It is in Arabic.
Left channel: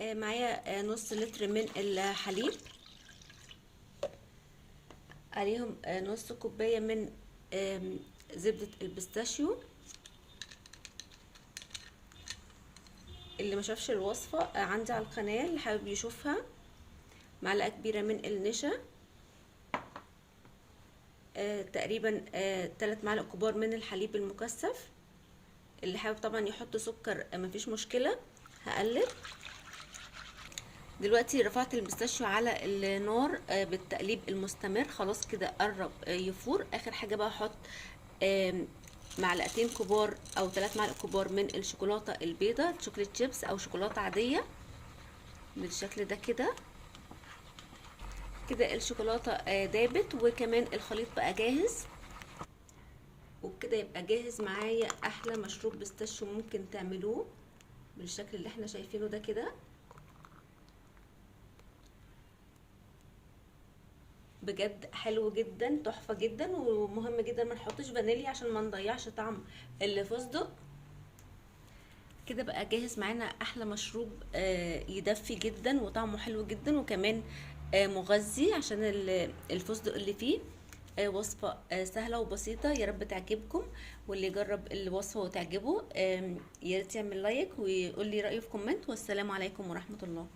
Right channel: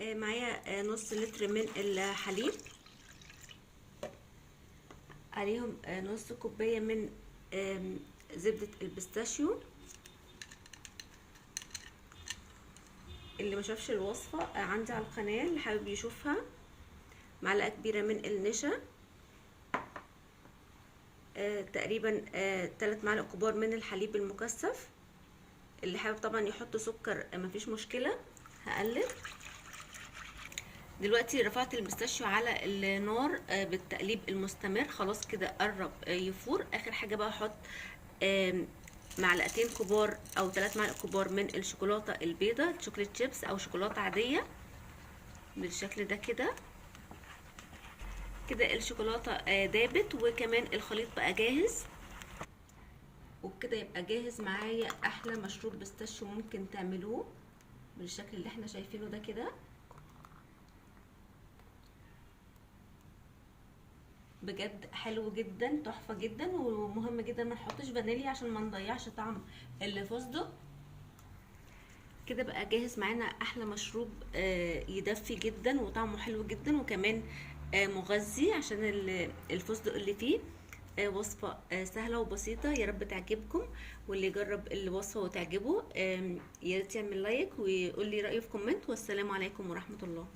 معايا نص لتر من الحليب، عليهم نص كوباية من زبدة البيستاشيو. اللي ما شافش الوصفة عندي على القناة اللي حابب يشوفها. معلقة كبيرة من النشا، تقريبا 3 معالق كبار من الحليب المكثف. اللي حابب طبعا يحط سكر مفيش مشكلة. هقلب دلوقتي. رفعت البيستاشيو على النار بالتقليب المستمر، خلاص كده قرب يفور. اخر حاجة بقى احط معلقتين كبار او 3 معالق كبار من الشوكولاتة البيضاء، شوكولاتة شيبس او شوكولاتة عادية بالشكل ده كده. كده الشوكولاتة دابت وكمان الخليط بقى جاهز، وبكده يبقى جاهز معايا احلى مشروب بيستاشيو ممكن تعملوه بالشكل اللي احنا شايفينه ده كده. بجد حلو جدا، تحفه جدا. ومهم جدا ما نحطش فانيليا عشان ما نضيعش طعم الفستق. كده بقى جاهز معانا احلى مشروب يدفي جدا وطعمه حلو جدا وكمان مغذي عشان الفستق اللي فيه. وصفة سهلة وبسيطة، يا رب تعجبكم. واللي يجرب الوصفة وتعجبه يا ريت يعمل لايك ويقول لي رأيه في كومنت. والسلام عليكم ورحمة الله.